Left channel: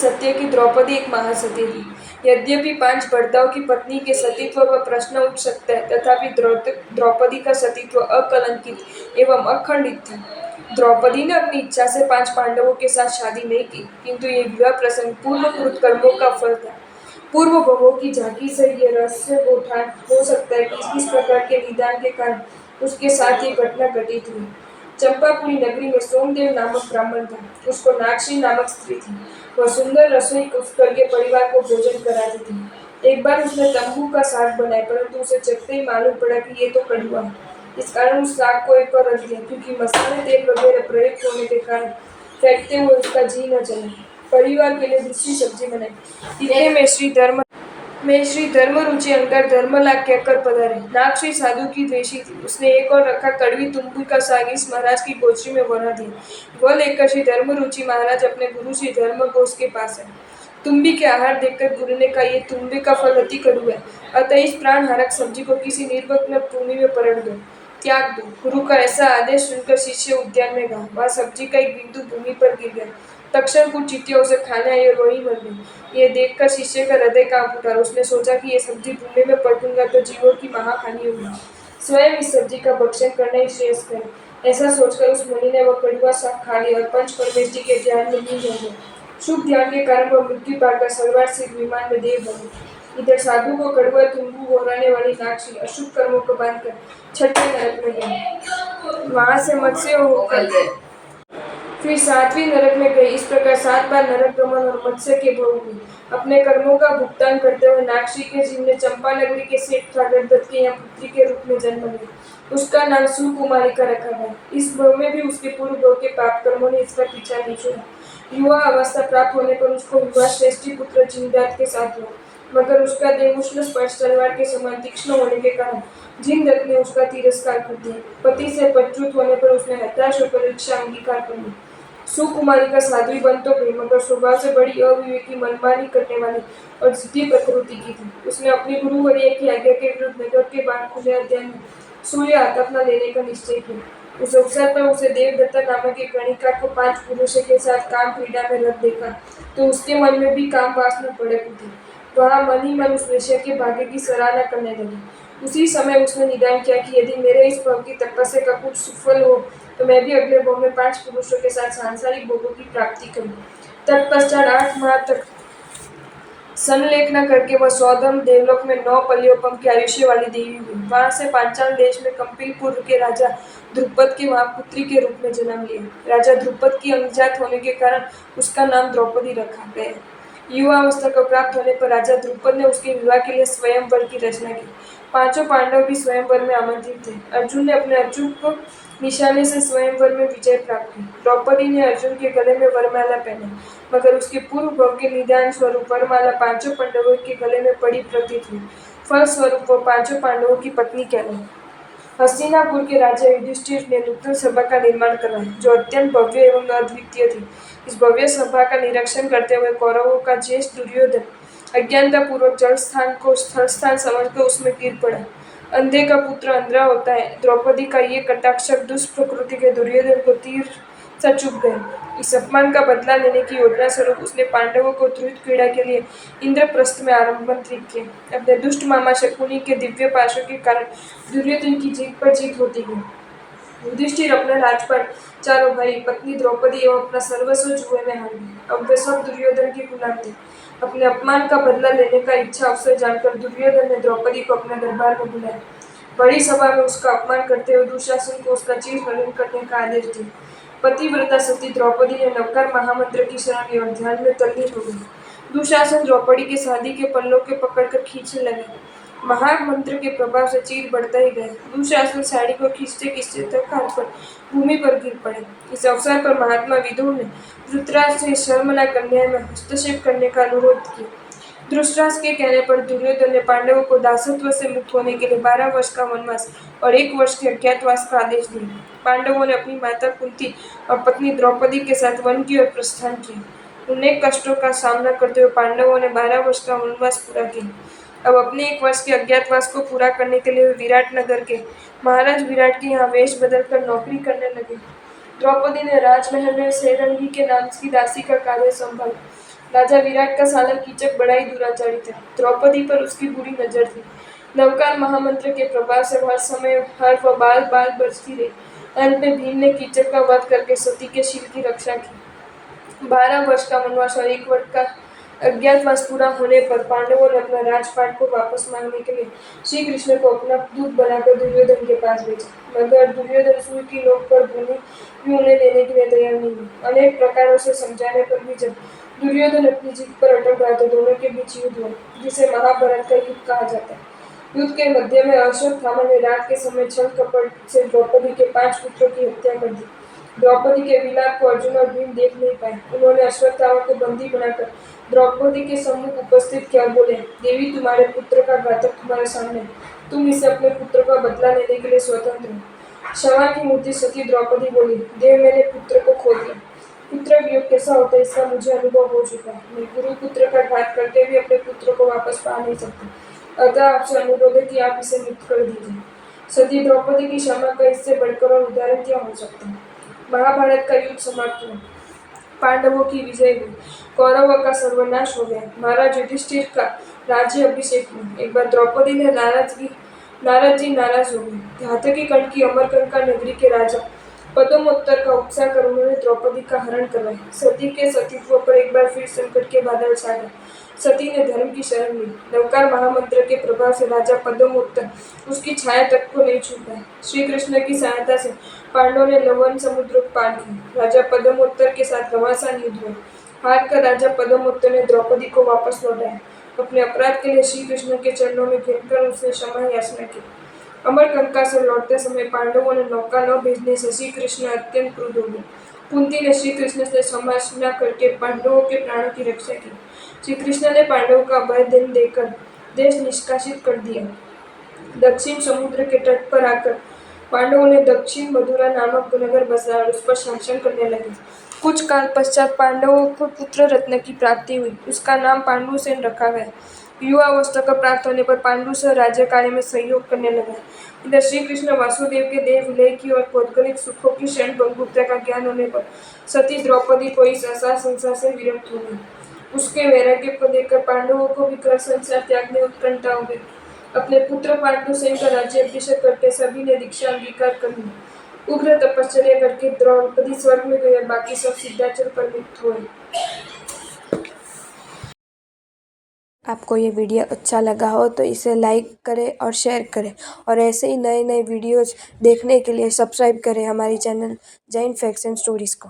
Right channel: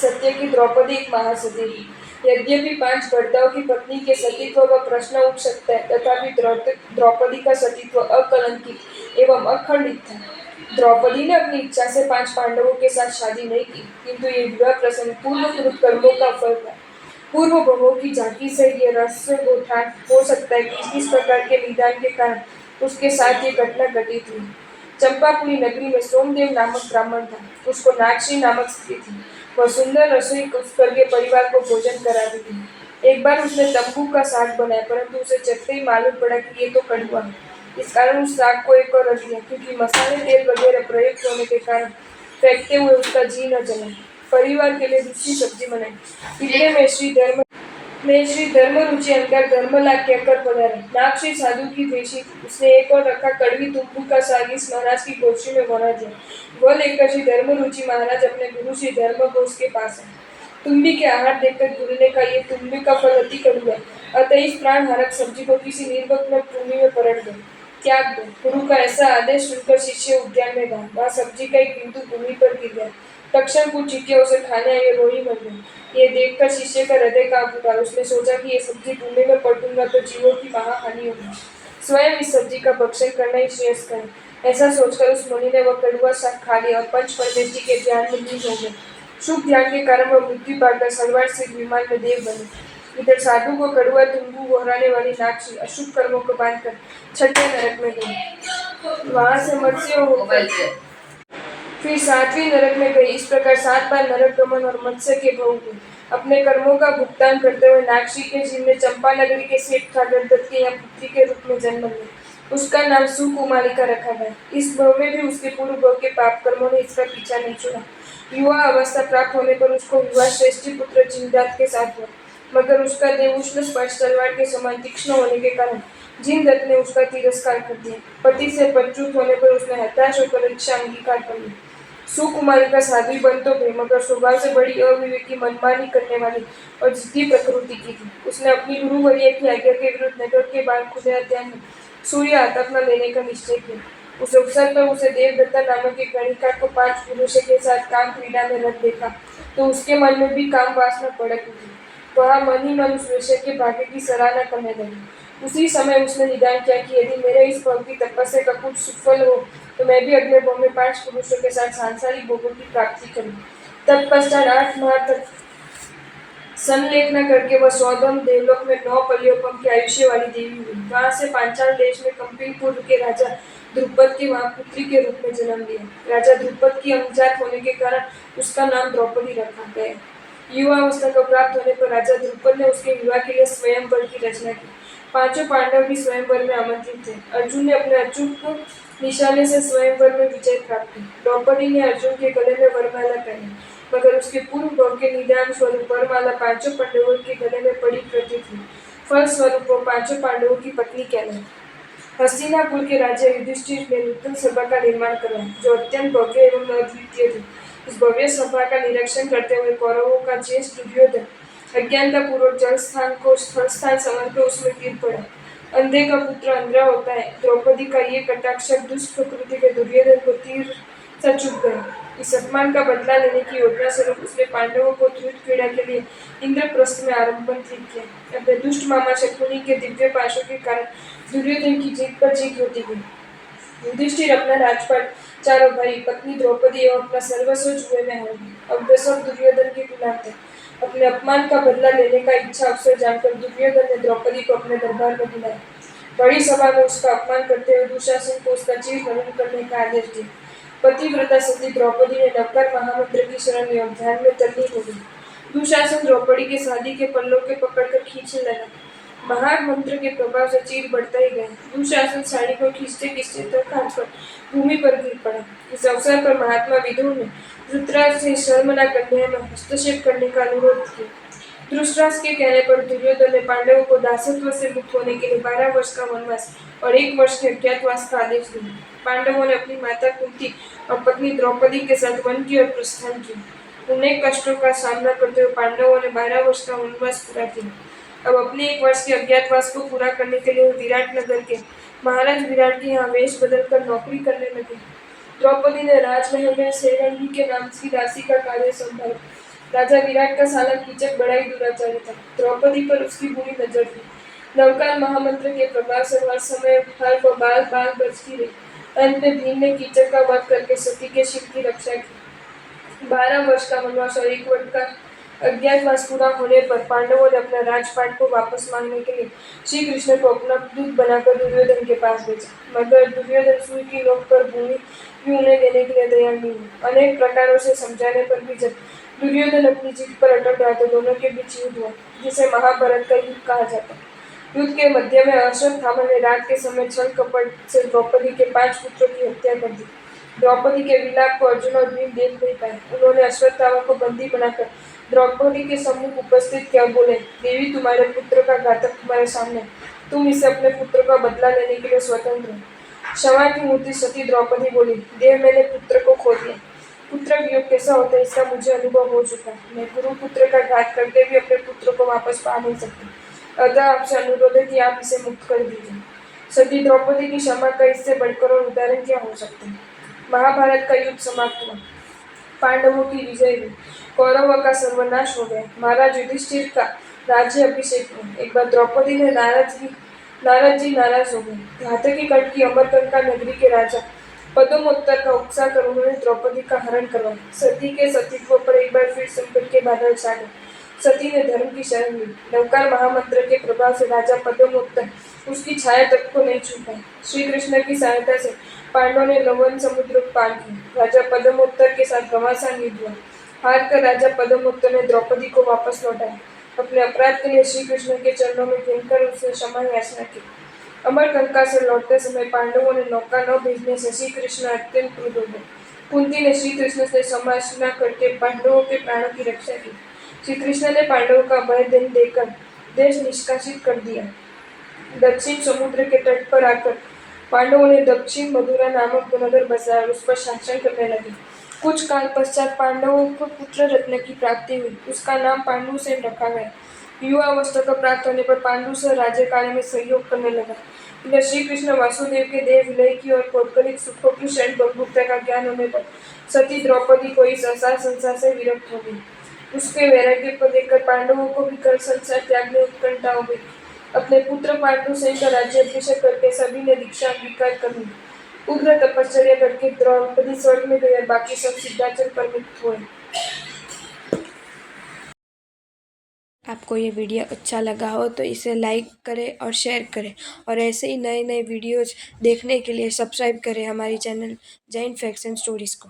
सत्य की द्रौपदी एक महासती थी। यद्यपि 5 भर्ताओं की पत्नी के सतीत्व का प्रश्न उठ सकता है, तथापि द्रौपदी का सतीत्व अकलंकित एवं अखंडित था। द्रौपदी ने अपनी इच्छा से 5 पांडवों के साथ शादी नहीं की, किंतु ये विवाह प्रसंग पूर्वकृत कर्मों का फल था। पूर्व भवों की झांकी से ये रहस्य गोठान हो सकता है कि इस प्रकार के निदान के कारण उसके साथ ये घटना घटित हुई। चंपापुरी नगरी में सोमदेव नामक ब्राह्मण था। उसको नागश्री नामक स्त्री थी। वह सुंदर रसोई करके परिवार को भोजन कराती थी। एक बार उसने तंबू का साग बनाया, परंतु उसे चखते ही मालूम पड़ा कि ये तो कड़वा है। इस कारण उस साग को एक और रख दिया, क्योंकि मसाले तेल वगैरह प्रयुक्त होने के कारण फेंकते हुए उसका जी न चला। परिवार के लिए दूसरी सब्जी बनाई। इतने में श्री धर्मरुचि अंदर धर्मलाभ कहकर पधारे। नागश्री साधु की द्वेषी थी। उसने एक और रखा कड़वी तुम्बी का साग इस महाराज की गोचरी में बना दिया। वह लेकर श्री धर्मरुचि महाराज अपने गुरु श्री धर्मघोष के पास आए। तुम्बी के आहार देखकर गुरु ने कहा, ये तुम्बी का फल अति कड़वा है, अतः इस प्राण हारक सब्जी को किसी निर्वग्न भूमि में पलट दो, त्याग दो। गुरु का ऐसा आदेश सुनकर शिष्य उद्यान में गया। वहां सब्जी का एक बिंदु भूमि पर गिर गया। तक्षण कुछ चींटियां उसे खाने आई और रोई मर गई। ये देखकर शिष्य का हृदय कांप उठा। उसने सोचा कि ये सब्जी भूमि में पलटूंगा तो जीवों की महाहानि होगी। स्वयं इस सब्जी का भक्षण करना ही श्रेयस्कर है। ऐसा सोचकर उस मुनि ने वह कड़वा साग खा लिया और पंच परमेष्टि के ध्यान में लीन हो गए। शुभ ध्यान के कारण वह मृत्यु पाकर सलवार से विमान में देव बने। इधर साधु को कड़वा तुम्बू बोहराने वाली नागश्री अशुभ कर्मों को बांधकर छठे नरक में गई। वहां से मत्स्य होकर फिर 7वीं नरक में गई। इस प्रकार 7 बार नरक गमन और मत्स्य के भोग हुए। अपने कर्मों का भुगतान करते हुए नागश्री के जीव ने चंपा नगरी के सेठ ठाकर दत्त के यहाँ पुत्री के रूप में जन्म लिया। उसका नाम सुकुमारिका रखा गया। इस भव में भी उसके पूर्व भव के पाप कर्मों ने इसका पीछा नहीं छोड़ा। युवा अवस्था प्राप्त होने पर उसको विवाह श्रेष्ठी पुत्र जिनदत्त के साथ हुआ, मगर उसका देह उष्ण स्पर्श तलवार के समान तीक्ष्ण होने के कारण जिनदत्त ने उसका तिरस्कार कर दिया। पति से पदच्युत होने पर उसने हताश होकर इच्छा अंगीकार कर ली। सुकुमारिका साध्वी बन तो गई, मगर स्वभाव से बड़ी अविवेकी, मनमानी करने वाली और जिद्दी प्रकृति की थी। उसने अपनी गुरुवर्य की आज्ञा के विरुद्ध नगर के बाहर खुले अध्ययन में सूर्य आतपना लेने का निश्चय किया। उस अवसर पर उसे देवदत्ता नामक एक गणिका को 5 पुरुषों के साथ काम क्रीड़ा में रत देखा, तो उसके मन में भी काम वासना भड़क उठी। वह मन ही मन उस विषय के भाग्य की सराहना करने लगी। उसी समय उसने निदान किया कि यदि मेरे इस भव की तपस्या का कुछ सुफल हो तो मैं भी अगले भव में 5 पुरुषों के साथ सांसारिक भोगों की प्राप्ति करूं। तत्पश्चात 8 माह तक संलेखना करके वह सौधम देवलोक में 9 पलियोपम की आयुष्य वाली देवी हुई। वहां से पांचाल देश में कंपिलपुर के राजा द्रुपद के वहां पुत्री के रूप में जन्म लिया। राजा द्रुपद की अभिजात होने के कारण उसका नाम द्रौपदी रखा गया। युवावस्था को प्राप्त होने पर राजा द्रुपद ने उसके विवाह के लिए स्वयंवर की रचना की। 5 पांडव भी स्वयंवर में आमंत्रित थे। अर्जुन ने अपने अचूक निशाने से स्वयंवर में विजय प्राप्त की। द्रौपदी ने अर्जुन के गले में वरमाला पहनी, मगर उसके पूर्व भव के निदान स्वरूप वरमाला 5 पांडवों के गले में पड़ी प्रतीत हुई। फल स्वरूप वो 5 पांडवों की पत्नी कहलाई। हस्तिनापुर के राजा युधिष्ठिर ने नूतन सभा का निर्माण करवाया, जो अत्यंत भव्य एवं अद्वितीय थी। इस भव्य सभा का निरीक्षण करते हुए कौरवों का ज्येष्ठ दुर्योधन अज्ञानता पूर्वक जल स्थान को स्थल स्थान समझकर उसमें गिर पड़ा। अंधे का पुत्र अंधा होता है। द्रौपदी का ये कटाक्ष दुष्प्रकृति के दुर्योधन को तीर सा चुभ गया। इस अपमान का बदला लेने की योजना स्वरूप उसने पांडवों को त्रुत क्रीड़ा के लिए इंद्रप्रस्थ में आमंत्रित किया। अपने दुष्ट मामा शकुनी के दिव्य पाशों के कारण दुर्योधन की जीत पर जीत होती गई। युधिष्ठिर अपना राजपाट, चारों भाई, पत्नी द्रौपदी एवं अपना सर्वस्व जुए में हार गए। अब वे सब दुर्योधन के गुलाम थे। अपने अपमान का बदला लेने का इच्छा अवसर जानकर दुर्योधन ने द्रौपदी को अपने दरबार में बुलाया। बड़ी सभा में उसका अपमान करते हुए दुशासन को उसका चीर हरण करने का आदेश दिया। पतिव्रता सती द्रौपदी ने नवकर महामंत्र की शरण ली और ध्यान में तल्लीन हो गई। दुशासन द्रौपदी के शादी के पल्लों के पकड़कर खींचने लगा। महामंत्र के प्रभाव से चीर बढ़ता ही गया। दुशासन साड़ी को खींचते खींचते थक हारकर भूमि पर गिर पड़ा। इस अवसर पर महात्मा विदुर ने धृतराष्ट्र से शर्मनाक अन्याय में हस्तक्षेप करने का अनुरोध किया। धृतराष्ट्र के कहने पर दुर्योधन ने पांडवों को दासत्व से मुक्त होने के लिए 12 वर्ष का वनवास और 1 वर्ष के अज्ञातवास का आदेश दिया। पांडवों ने अपनी माता कुंती और पत्नी द्रौपदी के साथ वन की ओर प्रस्थान किया। अनेक कष्टों का सामना करते हुए पांडवों ने 12 वर्ष का वनवास पूरा किया। अब अपने 1 वर्ष के अज्ञातवास को पूरा करने के लिए विराट नगर के महाराज विराट के यहाँ वेश बदलकर नौकरी करने लगे। द्रौपदी ने राजमहल में सेरंगी के नाम की दासी का कार्य संभाला। राजा विराट का साला कीचक बड़ा ही दुराचारी था। द्रौपदी पर उसकी बुरी नजर थी। नवकार महामंत्र के प्रभाव से हर समय हर वो बाल बाल बचती रही। अंत में भीम ने कीचक का वध करके सती के शील की रक्षा की। 12 वर्ष का वनवास और 1 वर्ष का अज्ञातवास पूरा होने पर पांडवों ने अपना राजपाट को वापस मांगने के लिए श्री कृष्ण को अपना दूत बनाकर दुर्योधन के पास भेजा, मगर दुर्योधन सूर्य की नोक पर भूमि भी उन्हें देने के लिए तैयार नहीं हुआ। अनेक प्रकारों से समझाने पर भी जब दुर्योधन अपनी जीत पर अटक रहा तो दोनों के बीच युद्ध हुआ, जिसे महाभारत का युद्ध कहा जाता है। युद्ध के मध्य में अश्वत्थामा ने रात के समय छल कपट से द्रौपदी के 5 पुत्रों की हत्या कर दी। द्रौपदी के विलाप को अर्जुन और भीम देख नहीं पाए। उन्होंने अश्वत्थामा को बंदी बनाकर द्रौपदी के सम्मुख उपस्थित किया, बोले, देवी, तुम्हारे पुत्र का घातक तुम्हारे सामने, तुम इसे अपने पुत्र का बदला लेने के लिए स्वतंत्र हो। क्षमा की मूर्ति सती द्रौपदी बोली, देव, मैंने पुत्र को खो दिया। पुत्र वियोग कैसा होता है इसका मुझे अनुभव हो चुका है। मैं गुरु पुत्र का घात करके भी अपने पुत्र को वापस पा नहीं सकती, अतः आपसे अनुरोध है कि आप इसे मुक्त कर दीजिए। सती द्रौपदी की क्षमा का इससे बढ़कर और उदाहरण क्या हो सकता है। महाभारत का युद्ध समाप्त हुआ, पांडवों की विजय हुई, कौरवों का सर्वनाश हो गया, महाराज युधिष्ठिर का राज्य अभिषेक हुआ। एक बार द्रौपदी ने नारद जी नाराज हो गए। घातकी कण की अमरकंका नगरी के राजा पदमोत्तर का उत्साह कर उन्होंने द्रौपदी का हरण करवाया। सती के सतीत्व पर एक बार फिर संकट के बादल छा गए। सती ने धर्म की शरण ली। नवकार महामंत्र के प्रभाव से राजा पद्मोत्तर उसकी छाया तक को नहीं छू पाए। श्री कृष्ण की सहायता से पांडवों ने लवण समुद्र पार किया। राजा पद्मोत्तर के साथ घमासान युद्ध हुआ। हार कर राजा पद्मोत्तर ने द्रौपदी को वापस लौटाया। अपने अपराध के लिए श्री कृष्ण के चरणों में गिरकर उसने क्षमा याचना की। अमरकंका से लौटते समय पांडवों ने नौका न भेजने से श्री कृष्ण अत्यंत क्रुद्ध हो गए। कुंती ने श्री कृष्ण से क्षमा करके पांडवों के प्राणों की रक्षा की। श्री कृष्ण ने पांडवों का भय देकर देश निष्कासित कर दिया। दक्षिण समुद्र के तट पर आकर पांडवों ने दक्षिण मधुरा नामक नगर बसाया और उस पर शासन करने लगे। कुछ काल पश्चात पांडवों को पुत्र रत्न की प्राप्ति हुई। उसका नाम पांडुसेन रखा गया। युवावस्था का प्राप्त होने पर पांडु से राज्य कार्य में सहयोग करने लगा। इधर श्री कृष्ण वासुदेव के देह विलय की और पौद्गलिक सुखों की क्षण भंगुरता का ज्ञान होने पर सती द्रौपदी को इस असार संसार से विरक्त हो गई। उसके वैराग्य को देखकर पांडवों को भी कर संसार त्यागने उत्कंठा हो गई। अपने पुत्र पांडुसेन का राज्य अभिषेक करके सभी ने दीक्षा अंगीकार कर ली। उग्र तपश्चर्या करके द्रौपदी स्वर्ग में गई और बाकी सब सिद्धाचल पर मुक्त हुए। आपको ये वीडियो अच्छा लगा हो तो इसे लाइक करें और शेयर करें, और ऐसे ही नए नए वीडियोज़ देखने के लिए सब्सक्राइब करें हमारी channel Jain facts and stories को।